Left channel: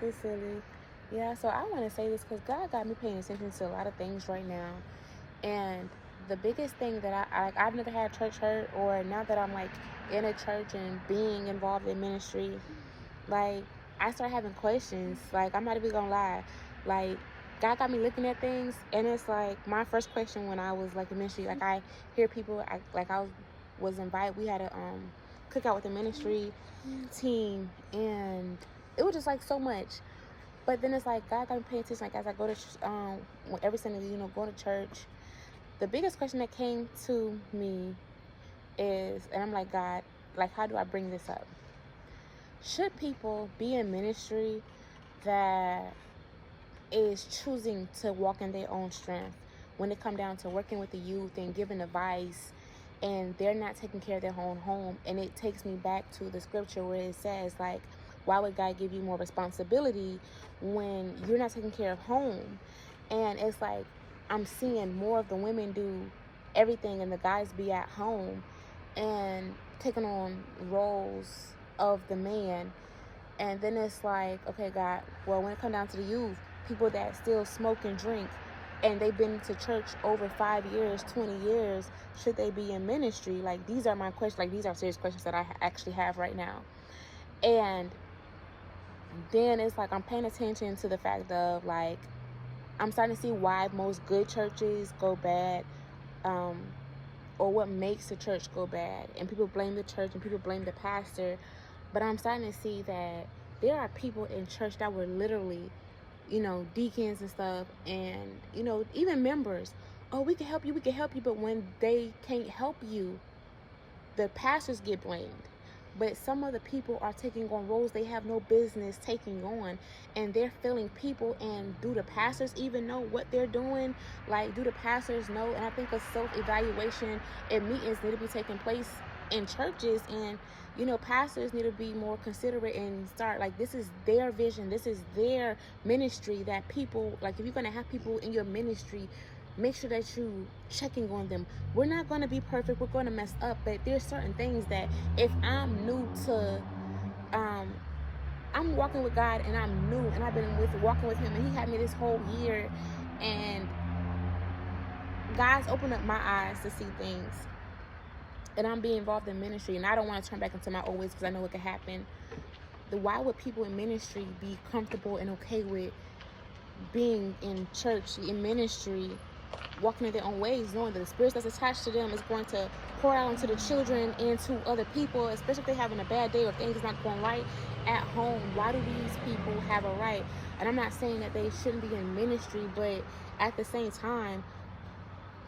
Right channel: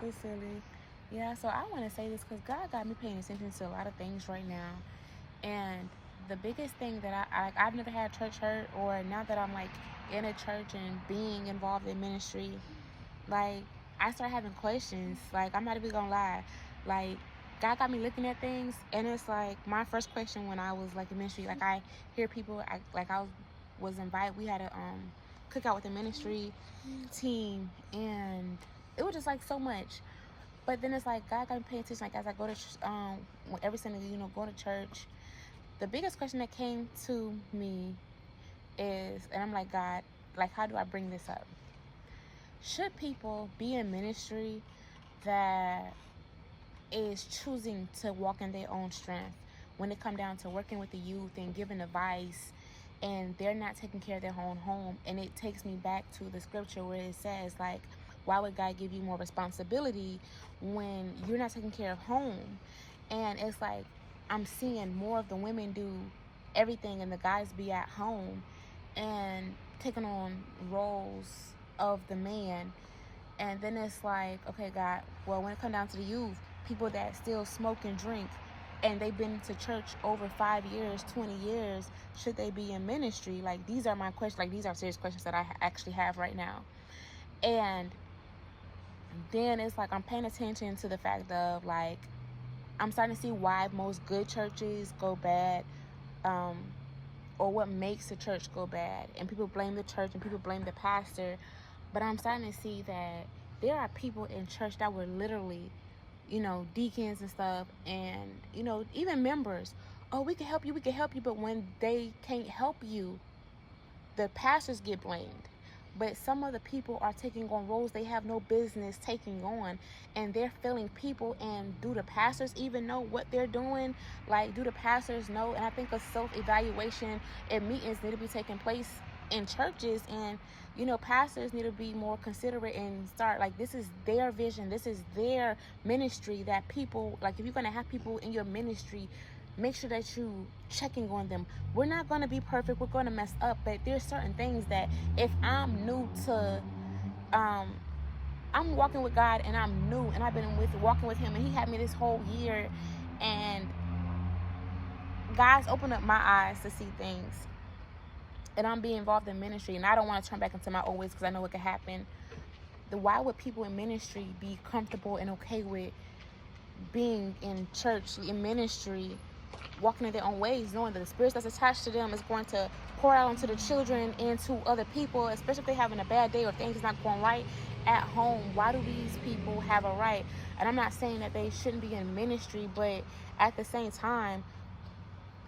Silly. Yeah, so I want to say this because God got me paying attention to a lot of things right now. And the biggest thing that I've never had church hurt, or now that I'm like in a church and being involved in ministry, like I start having questions. Like I'm not even gonna lie. Like God got me looking at things, and it's like my first question when I was like in ministry. Like I hear people, was invited. We had a cookout with the ministry team, and it was just like so much. But then it's like God got me paying attention. Like as I go to every Sunday, go to church. The biggest question that came to me is, and I'm like, God, like how do I bring this up? Should people be in ministry that is choosing to walk in their own strength when it come down to working with the youth and giving advice, and they're not taking care of their own home? And it takes me back to the scripture where it says, like, why would God give you more responsibility when you're not taking care of home? And it's like I'm seeing more of the women do everything and the guys be at home and taking on roles of the man. And then it's like, okay, God, well, when it comes down to the youth, people that still smoke and drink, and they've been to church over 5 years, 20 years, should they be in ministry? Like, these are my questions. Like, these are serious questions that I actually have right now. And then it's like I'm paying attention to the fact of, like, I'm starting to see why most good churches go bad, or what makes the church go bad. And people blame the church and people blame the pastor. But I'm starting to see that there are people in church that were literally, deacons and stuff, and, even members. Oh, we can help you, we can help you. But when they can't help you, the pastors get blamed. But some of the people are taking on roles they have no business taking on, and they're failing people. And do the pastors even know what they're doing? Like, do the pastors know? And I think a self-evaluation and meetings need to be taking place in churches, and pastors need to be more considerate and start, like, this is their vision, this is their ministry, that people, like, if you're going to have people in your ministry, make sure that you checking on them. We're not going to be perfect, we're going to mess up, but there's certain things that if I'm new to I'm walking with God, and I'm new, and I've been walking with him, and he had me this whole year, and God's opened up my eyes to see things, and I'm being involved in ministry, and I don't want to turn back into my old ways because I know it could happen. Why would people in ministry be comfortable and okay with being in church, in ministry, walking in their own ways, knowing that the spirits that's attached to them is going to pour out onto the children and to other people, especially if they're having a bad day or things not going right at home? Why do these people have a right? And I'm not saying that they shouldn't be in ministry, but at the same time,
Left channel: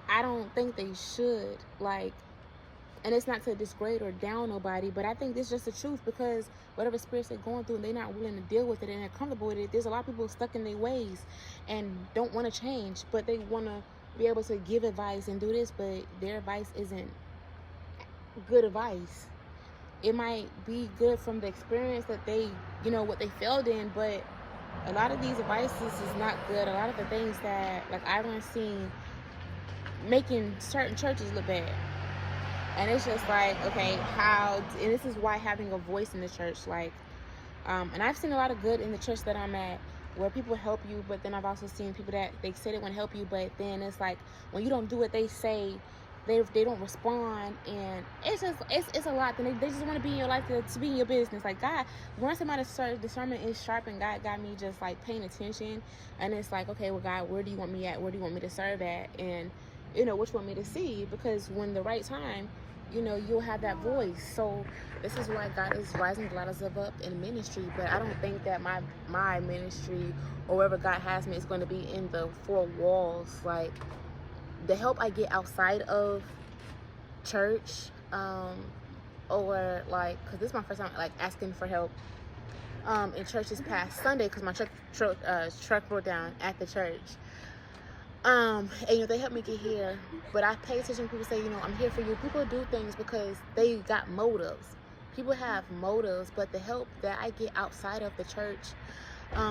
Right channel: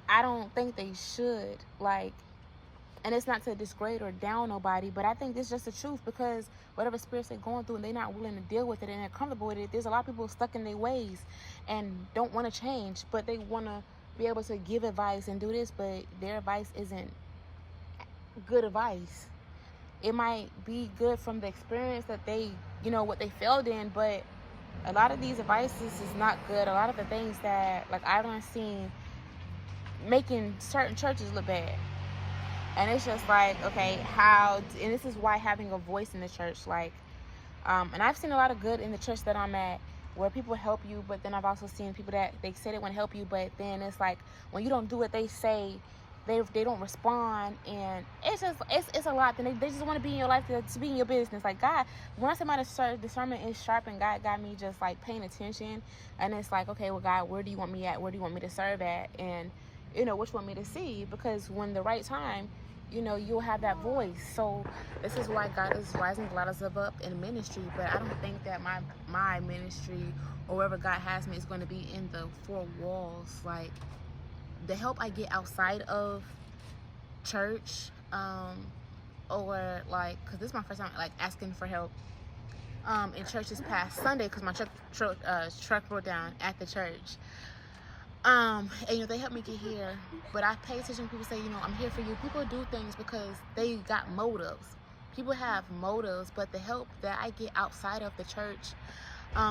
I don't think they should. Like, and it's not to disgrade or down nobody, but I think this is just the truth, because whatever spirits they're going through and they're not willing to deal with it and they're comfortable with it, there's a lot of people stuck in their ways and don't want to change, but they want to be able to give advice and do this, but their advice isn't good advice. It might be good from the experience that they, what they failed in, but a lot of these advices is not good. A lot of the things that, like, I've seen making certain churches look bad. And it's just like, okay, and this is why having a voice in the church, like, and I've seen a lot of good in the church that I'm at, where people help you, but then I've also seen people that they say they want to help you, but then it's like, when you don't do what they say, they don't respond, and it's a lot. Then they just want to be in your life, to be in your business. Like, God, when I say my discernment is sharp, and God got me just like paying attention, and it's like, okay, well, God, where do you want me at? Where do you want me to serve at? And what you want me to see? Because when the right time, you'll have that voice. So this is why God is rising a lot of us up in ministry. But I don't think that my ministry, or wherever God has me, is going to be in the four walls. Like, the help I get outside of church, or like, because this is my first time like asking for help in church this past Sunday, because my truck broke down at the church. And they helped me get here, but I pay attention when people say, I'm here for you. People do things because they got motives. People have motives, but the help that I get outside of the church,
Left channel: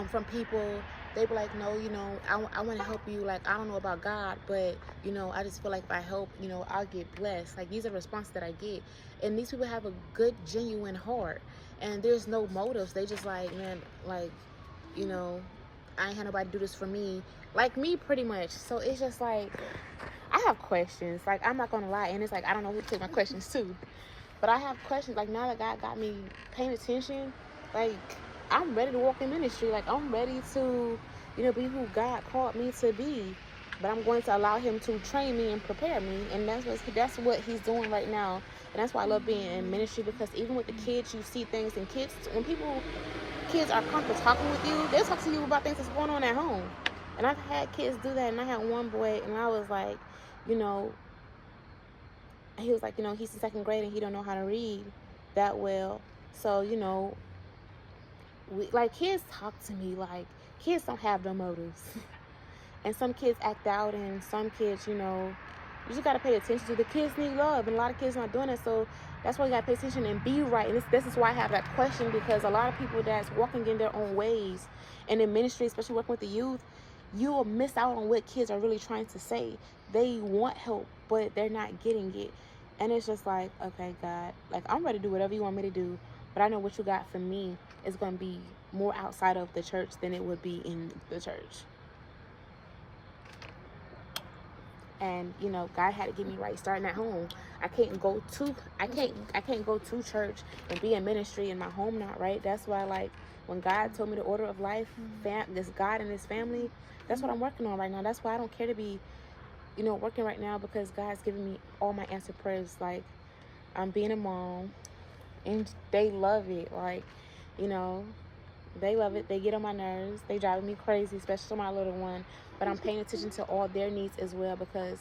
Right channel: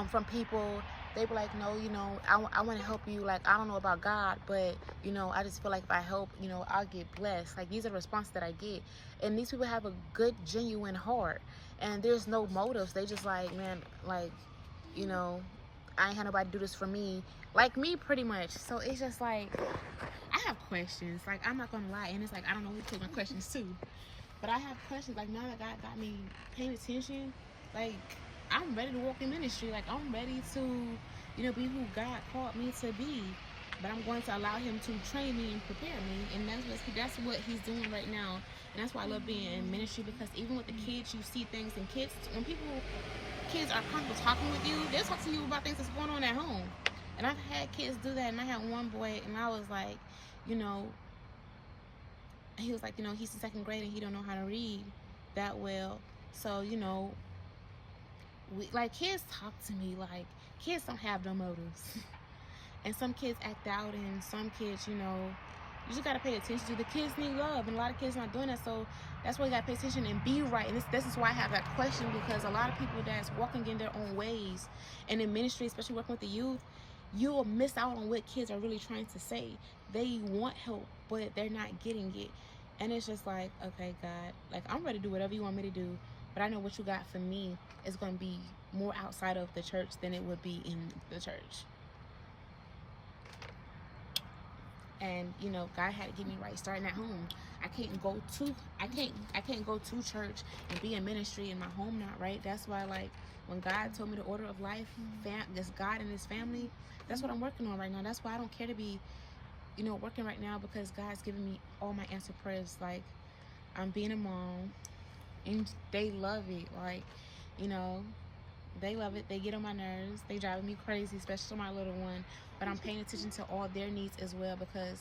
from people, they be like, no, I want to help you. Like, I don't know about God, but I just feel like if I help, I'll get blessed. Like, these are the responses that I get, and these people have a good, genuine heart, and there's no motives. They just like, man, like, you know, I ain't had nobody do this for me. Like me, pretty much. So it's just like, I have questions. Like, I'm not going to lie. And it's like, I don't know who to take my questions to. But I have questions. Like, now that God got me paying attention, like, I'm ready to walk in ministry. Like, I'm ready to, you know, be who God called me to be. But I'm going to allow him to train me and prepare me. And that's what he's doing right now. And that's why I love being in ministry, because even with the kids, you see things. And kids, when kids are comfortable talking with you, they'll talk to you about things that's going on at home. And I've had kids do that. And I had one boy, and I was like, you know, he was like, you know, he's in second grade and he don't know how to read that well. So, you know, like, kids talk to me. Like, kids don't have their motives. And some kids act out, and some kids, you know, you just got to pay attention to. The kids need love, and a lot of kids not doing it. So that's why you got to pay attention and be right. And this is why I have that question, because a lot of people that's walking in their own ways and in ministry, especially working with the youth, you will miss out on what kids are really trying to say. They want help, but they're not getting it. And it's just like, okay, God, like, I'm ready to do whatever you want me to do, but I know what you got for me is going to be more outside of the church than it would be in the church. And, you know, God had to get me right starting at home. I can't go to church and be in ministry and my home not right. That's why, like, when God told me the order of life, this God and his family, that's what I'm working on right now. That's why I don't care to be, you know, working right now, because God's giving me all my answered prayers. Like, I'm being a mom, and they love it. Like, you know, they love it. They get on my nerves. They driving me crazy, especially my little one. But I'm paying attention to all their needs as well, because,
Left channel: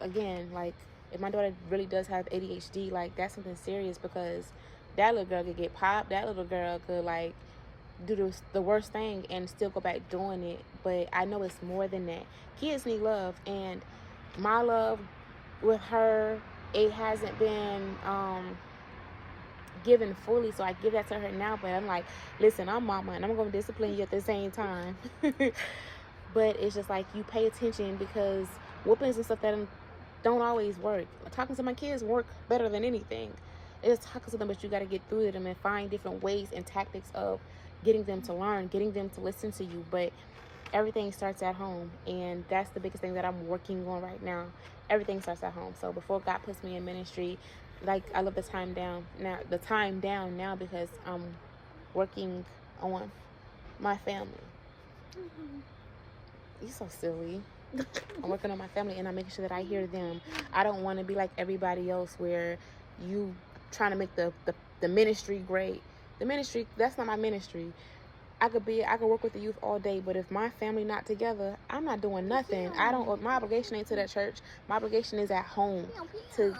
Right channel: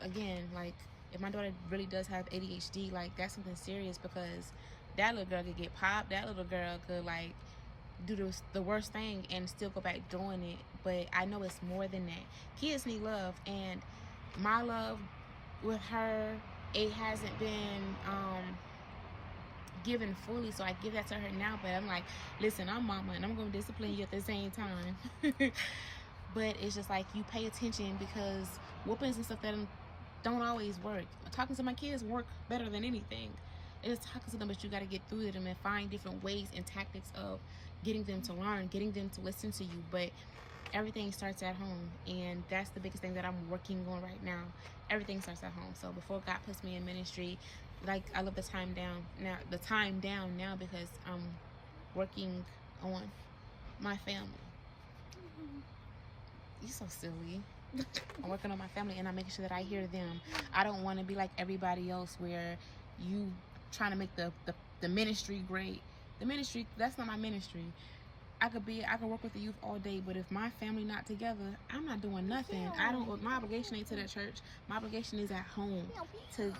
again, like, if my daughter really does have ADHD, like, that's something serious, because that little girl could get popped. That little girl could, like, do the worst thing and still go back doing it. But I know it's more than that. Kids need love, and my love with her, it hasn't been given fully, so I give that to her now. But I'm like, listen, I'm mama, and I'm gonna discipline you at the same time. But it's just like, you pay attention, because whoopings and stuff that don't always work. Talking to my kids work better than anything. It's talking to them, but you got to get through to them and find different ways and tactics of getting them to learn, getting them to listen to you. But everything starts at home, and that's the biggest thing that I'm working on right now. Everything starts at home. So before God puts me in ministry, like, I love the time down now, because I'm working on my family. You're so silly. I'm working on my family, and I'm making sure that I hear them. I don't want to be like everybody else, where you trying to make the ministry great. The ministry, that's not my ministry. I could work with the youth all day, but if my family not together, I'm not doing nothing. My obligation ain't to that church. My obligation is at home to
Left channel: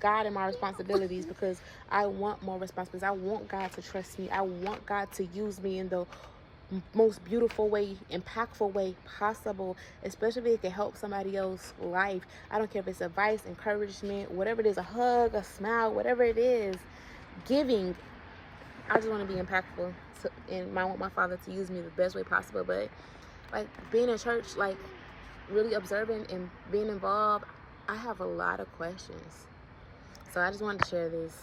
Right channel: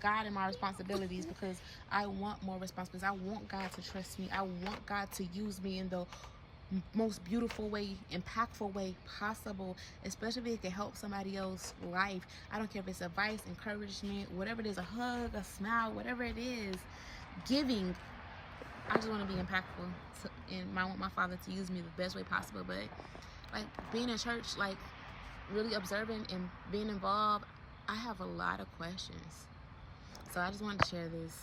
God and my responsibilities, because I want more responsibilities. I want God to trust me. I want God to use me in the most beautiful way, impactful way possible, especially if it can help somebody else's life. I don't care if it's advice, encouragement, whatever it is, a hug, a smile, whatever it is, giving. I just want to be impactful, and I want my Father to use me the best way possible. But, like, being in church, like, really observing and being involved, I have a lot of questions. So I just wanted to share this.